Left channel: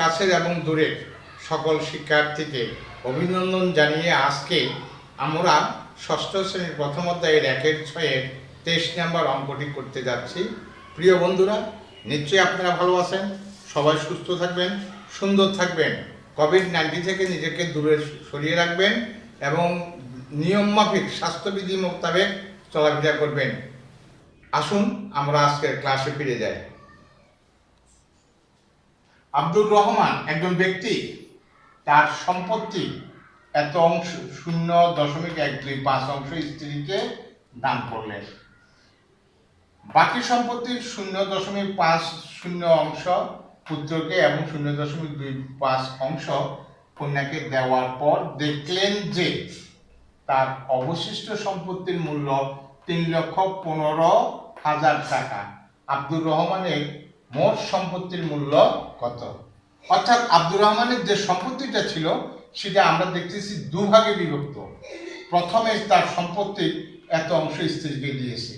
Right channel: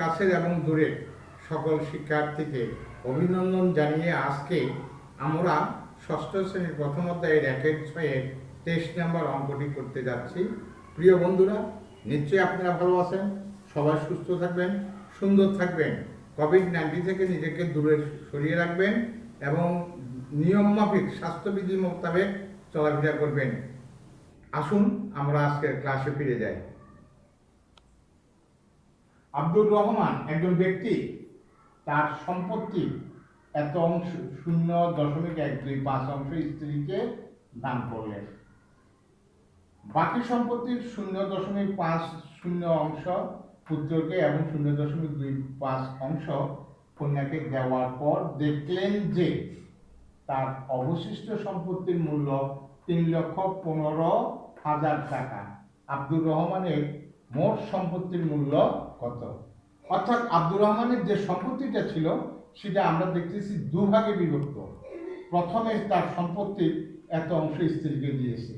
কাছের এবং দূরের সকল শিক্ষার্থীকে অভিনন্দন জানিয়ে আজকে আমরা ষষ্ঠ শ্রেণীর প্রথম অধ্যায়ের 1-6 23 নম্বর অঙ্কটি করতে যাচ্ছি। প্রিয় বন্ধুরা, নিশ্চয়ই আপনারা ভালো আছেন, সবাই সুস্থ থাকবেন, সুন্দর থাকবেন, কোভিড-19 থেকে নিজেকে দূরে সরিয়ে রাখবেন এবং নিয়মমাফিক স্বাস্থ্যবিধি মোতাবেক চলাফেরা করবেন। আসুন আমরা আজকের ক্লাসে ফিরে যাই। আব্দুর রহমান একজন ব্যক্তি তার সম্পত্তি এত অংশ 0.125 অংশ স্ত্রীকে দান করলেন। বাকি সম্পত্তির 0.50 অংশ পুত্রকে এবং 0.25 অংশ কন্যাকে দেওয়ার পর দেখলেন যে তার অবশিষ্ট সম্পত্তির মূল্য 3,15,000 টাকা। আব্দুর রহমানের মোট সম্পত্তির মূল্য কত? অর্থাৎ আব্দুর রহমানের যে সম্পত্তিটা ছিল সেটা আমরা দেখতেছি দুভাগে বিভক্ত। প্রথমে তার সম্পত্তির এত অংশ স্ত্রীকে দিয়েছে,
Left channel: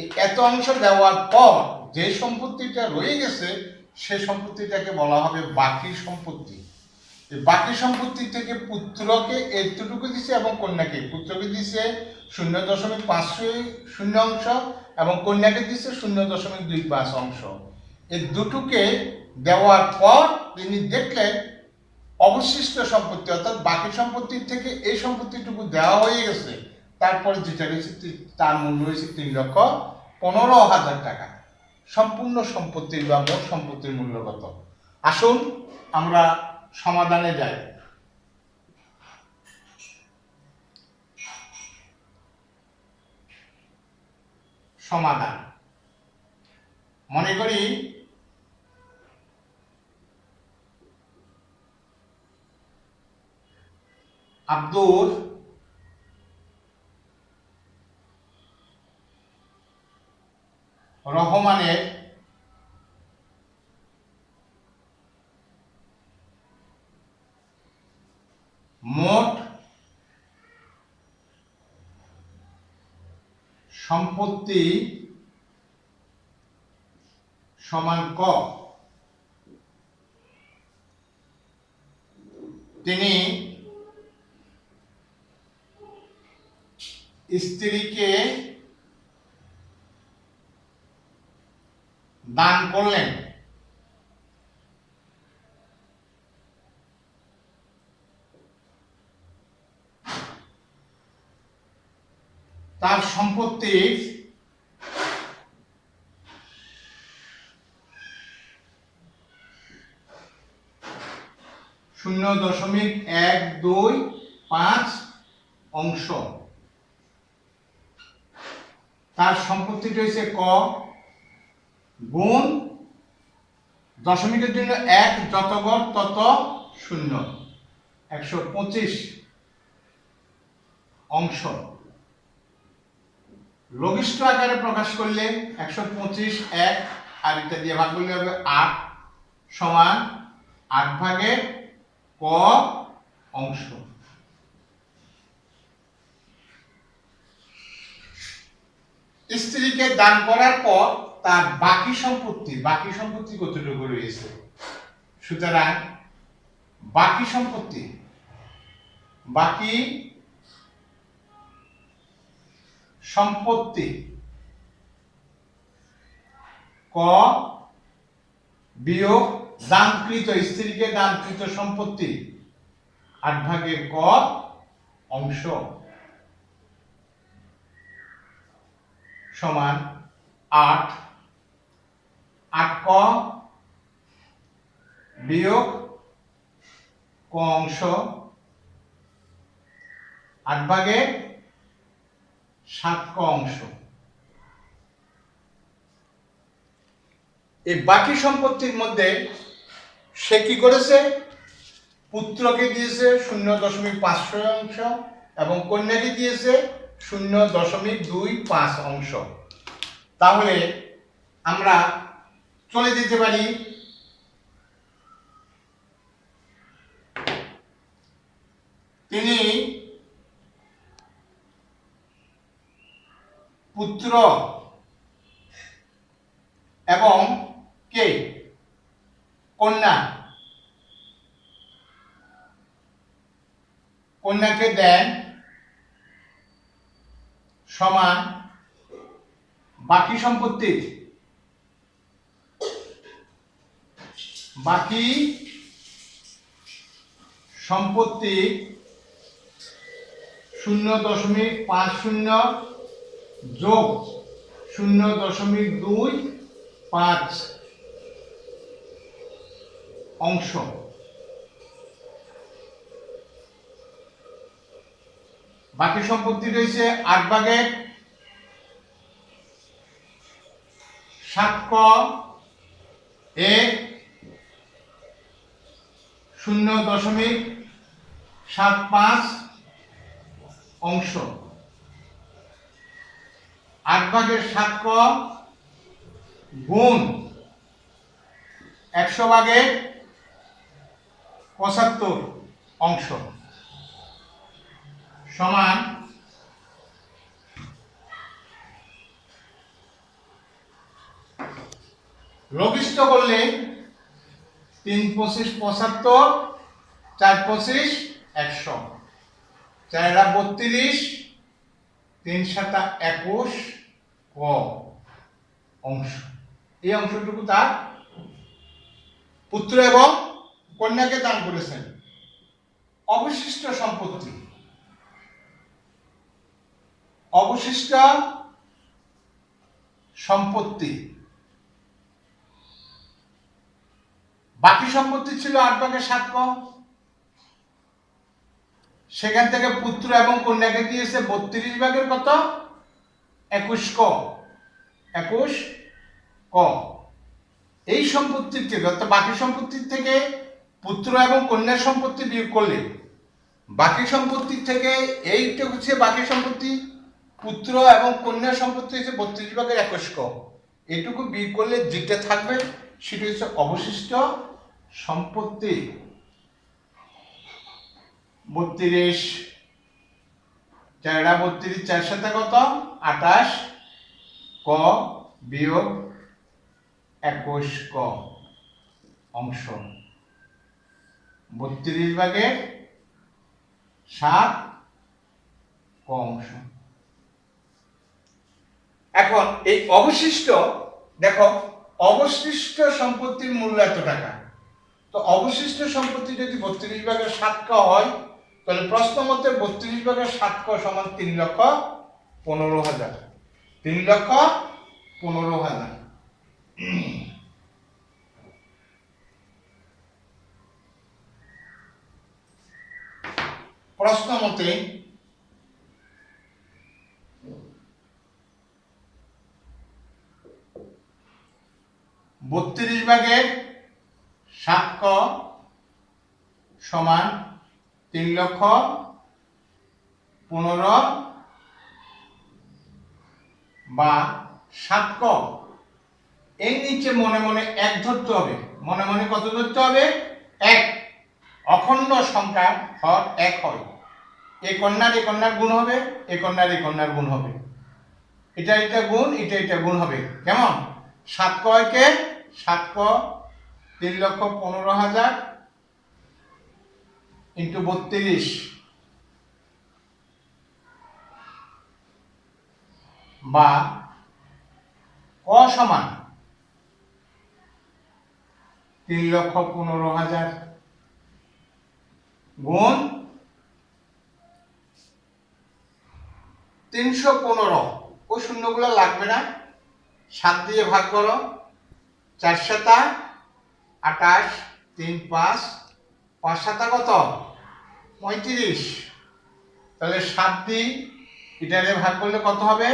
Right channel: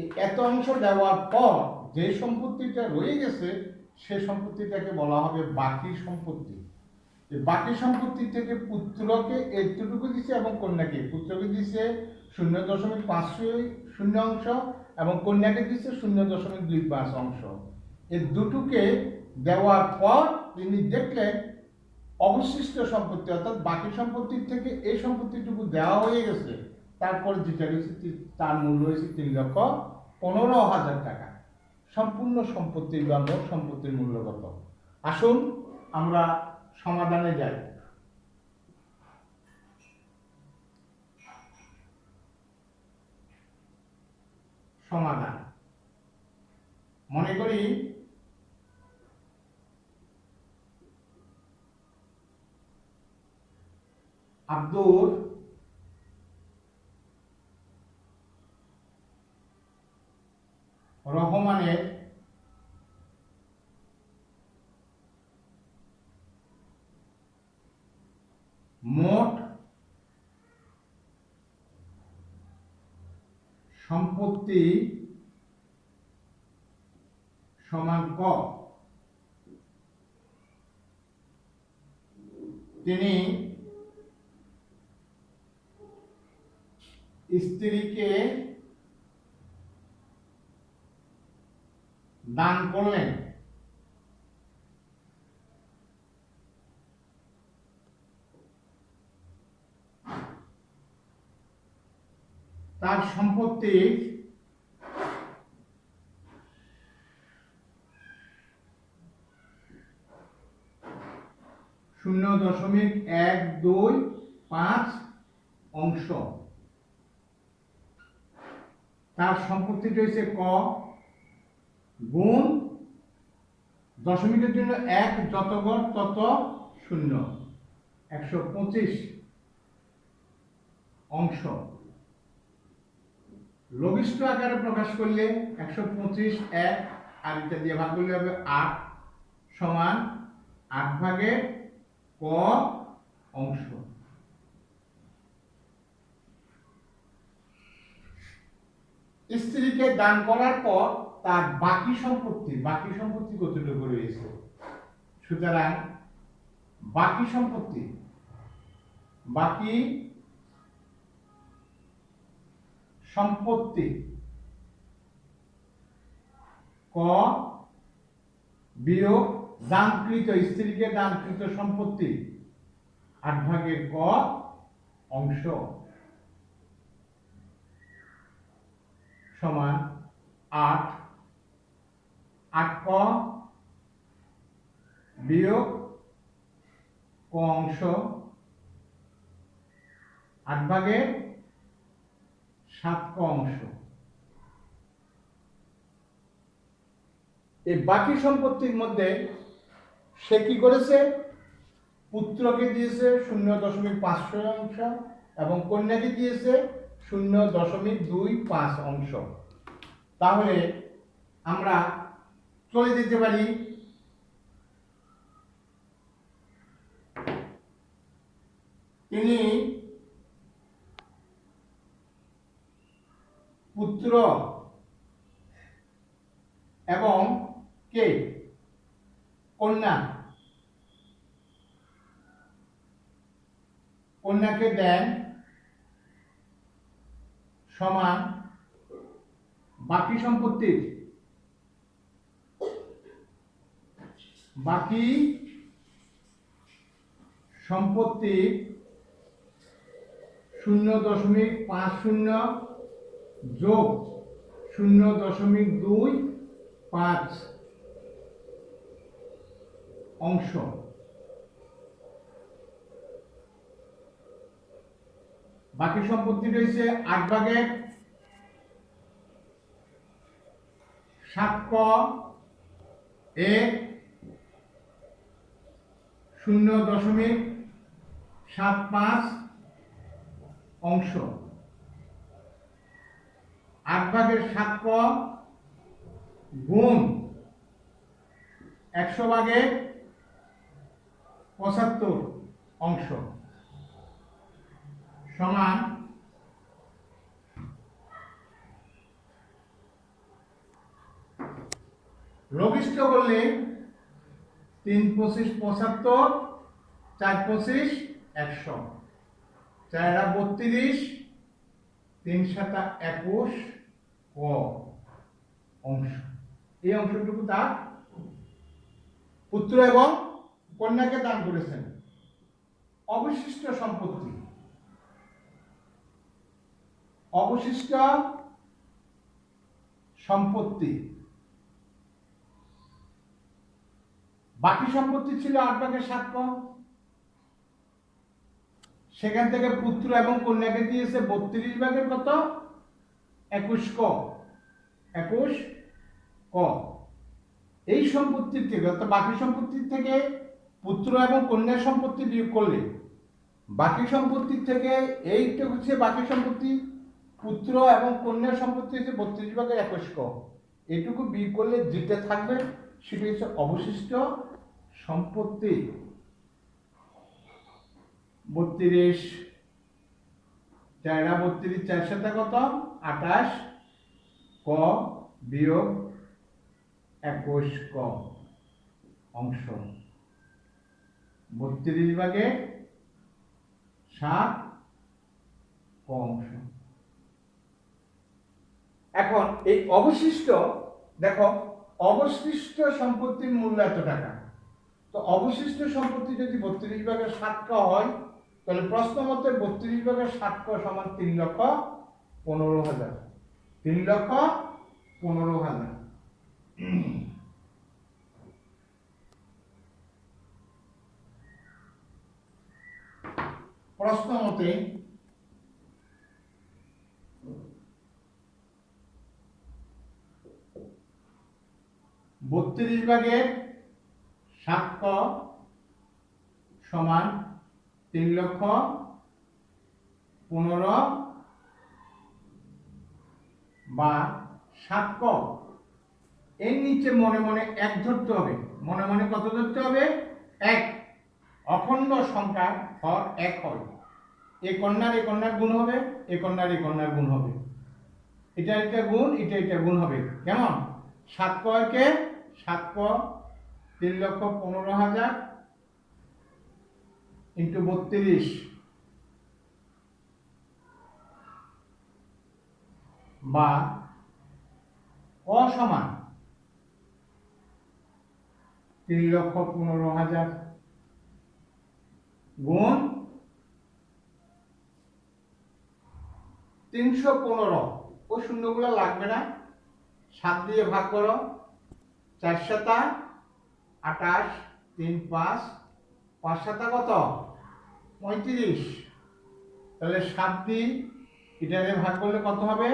এই এত অংশ দেওয়ার পর যে সম্পত্তিটা রয়ে গেছে সেই সম্পত্তিটাকে বলা হবে বাকি সম্পত্তি। এই বাকি সম্পত্তি থেকে পুত্রকে এতটুকু দিছে এবং কন্যাকে, পুত্রকে দিছে 0.50 অংশ এবং কন্যাকে দিছে 0.25 অংশ। এই দুটোকে দেওয়ার পর তিনি দেখলেন অবশিষ্ট সম্পত্তি অর্থাৎ বাকি সম্পত্তির থেকে এই সম্পত্তিটুকু দেওয়া হয়ে গেছে, তারপরে যেটা রয়েছে তার মূল্য হয়েছে 3,15,000 টাকা। সম্পূর্ণ সম্পত্তির বা মোট সম্পত্তির মূল্য কত? আসুন আমরা সমাধানে যাই। সমাধান মনে করি আব্দুর রহমানের মোট সম্পত্তি সমান ক। তিনি স্ত্রীকে দান করলেন। তার সম্পত্তির 0.125 অংশ। তার সম্পত্তিটা হচ্ছে ক গুণ দশমিকের জন্য 1 যত ঘর তত 0, 125 অংশ। লঘিষ্ঠ আকারে প্রকাশ করলে 125 1 আর এটা দিয়ে ভাগ করলে হবে 8 সমান 8 ভাগে ক অংশ। স্ত্রীকে দান করার পর তার বাকি সম্পত্তি কতটুকু রয়েছে? সুতরাং বাকি সম্পত্তি ক বিয়োগ দানকৃত স্ত্রীকে দানকৃত সম্পত্তি 8 ভাগের ক অংশ সমান 8 ক বিয়োগ ক অংশ 8 ভাগের 7 ক অংশ। এই বাকি সম্পত্তির মধ্যে সে কি করেছে? পুত্রকে দিয়েছে 0.5 অংশ এবং কন্যাকে দিয়েছে 0.25 অংশ। তাহলে আমরা চলে যেতে পারি তিনি পুত্র এবং কে কন্যা কন্যাকে দেন সমান বাকি সম্পত্তির বাকি সম্পত্তি 0.50 যোগ 0.25 অংশ। বাকি সম্পত্তি রয়েছে 8 ভাগের 7 ক এর 0.75 অংশ। 8 ভাগের 7 ক গুণ 100 ভাগের 75 অংশ সমান লঘিষ্ঠ করলে 3 25 75, 4 25 100, 4 32, 3 7 21 ক অংশ। এই অংশটুকু তার পুত্র এবং কন্যাকে দান করেছেন। অবশিষ্ট সম্পত্তি, অবশিষ্ট সম্পত্তি বাকি সম্পত্তি ছিল 8 ভাগের 7 ক, সেখান থেকে পুত্র এবং কন্যাকে দিয়েছে 32 ভাগের কত 21 ক, 21 ক। এই সম্পত্তির থেকে অর্থাৎ বাকি সম্পত্তির থেকে পুত্র এবং কন্যার সম্পত্তি বিয়োগ করলে বাকি সম্পত্তির থেকে এইটা হচ্ছে বাকি সম্পত্তি, পুত্র এবং কন্যার সম্পত্তি হচ্ছে 32 ভাগের 21 ক। এইটুকু বিয়োগ করলে যেটা থাকবে সেটা হচ্ছে অবশিষ্ট সম্পত্তি। 32 4 32, 4 7 কত 28 ক বিয়োগ 21 ক অংশ। 32 ভাগের 7 ক অংশ। এখন এই অবশিষ্ট, দেখো অবশিষ্ট সম্পত্তির মূল্য এত টাকা, তো অবশিষ্ট সম্পত্তি যদি 32 ভাগের 7 ক হয় তাহলে প্রশ্ন মতে 32 ভাগের 7 ক সমান 3,15,000, 3,15,000। প্রশ্ন মতে 32 ভাগের 7 ক সমান 3,15,000 বা 7 ক। এই নিচে মনে মনে 1 ধরতে হবে। মনে মনে কত ধরতে হবে 1। অখণ্ড সংখ্যার হর 1 হয়। এই কন্যার গুণ হবে, এই কন্যার গুণ হবে, এটা গুণ, এটা গুণ হবে। কেমন 7 ক কে 7 ক 3,15,000 ইন্টু 32 বা ক সমান 3,15,000 গুণ 315। ওই শূন্যগুলো লাগবে না, 7 দিয়ে ভাগ করো, 4 7 28, 3 5, 5 7 কত 35। তাহলে 7 দিয়ে এটারে ভাগ করলে কত হবে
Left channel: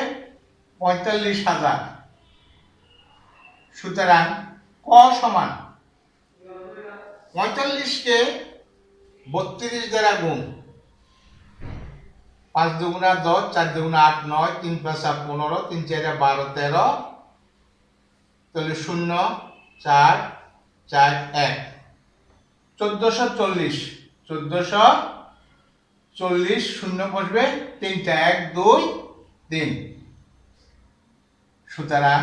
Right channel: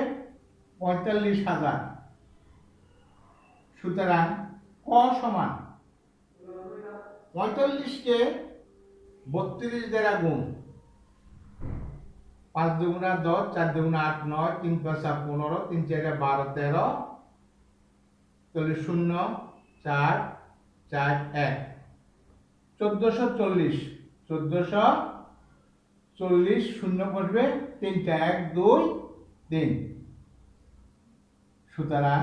45,000। সুতরাং ক সমান 45 কে 32 দ্বারা গুণ, 5 দুগুণা 10, 4 দুগুণা 8 9, 3 + 15, 3 4 12 13, তাহলে 0 4 4 1 1440, 1440 শূন্য বসবে 3টা 1 2 3। সুতরাং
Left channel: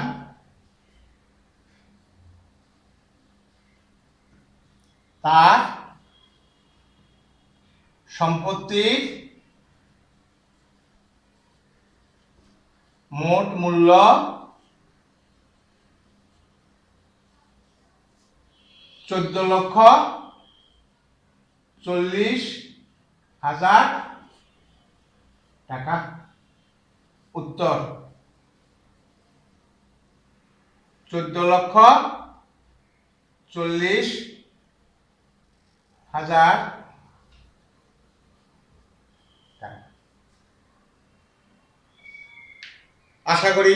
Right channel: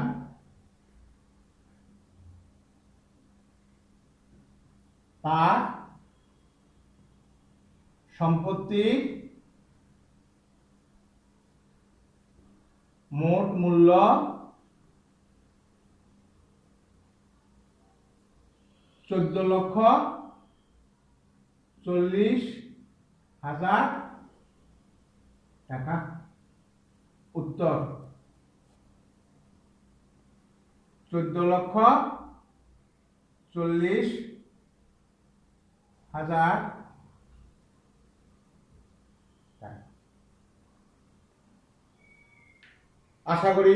তার সম্পত্তির মোট মূল্য 14,40,000 টাকা। উত্তর 14,40,000 টাকা। আশা করি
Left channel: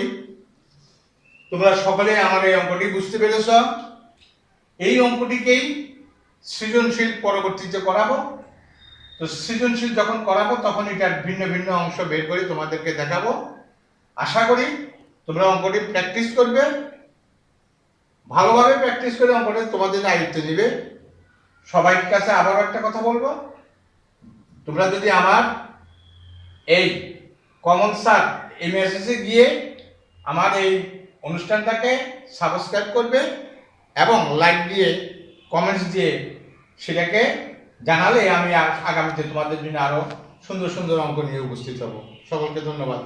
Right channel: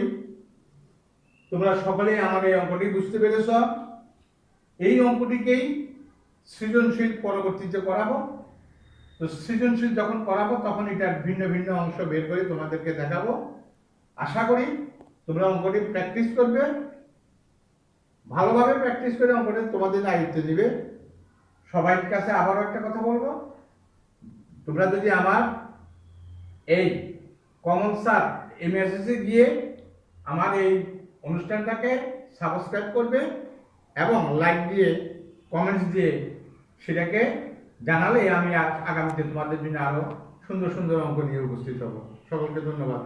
তোমরা সকলে আমার এই অঙ্কটি বুঝতে পেরেছ। এই অঙ্কটিকেই সৃজনশীল পরবর্তীতে করাবো। তো সৃজনশীল যখন করাবো তখন এটার ভিন্ন ভিন্ন অংশ বের করে তোমাদেরকে দেখাবো। আশা করি তোমরা অঙ্কটি প্র্যাকটিস করবে, ভালোভাবে প্র্যাকটিস করে অঙ্কটি তোমাদের আয়ত্তে নিবে। সবার কাছে আবারও একটা কথা বলবো, তোমরা যদি আমার এই কমন স্যার এমএসএসে গিয়ে আমার এই অনুষ্ঠানটাকে সাবস্ক্রাইব করবে এবং লাইক দিয়ে কমেন্টস দিয়ে সেটাকে জানালে আমি আগামীতে তোমাদের জন্য আরো সুন্দর সুন্দর অঙ্ক নিয়ে উপস্থিত হব। সকলকে ধন্যবাদ।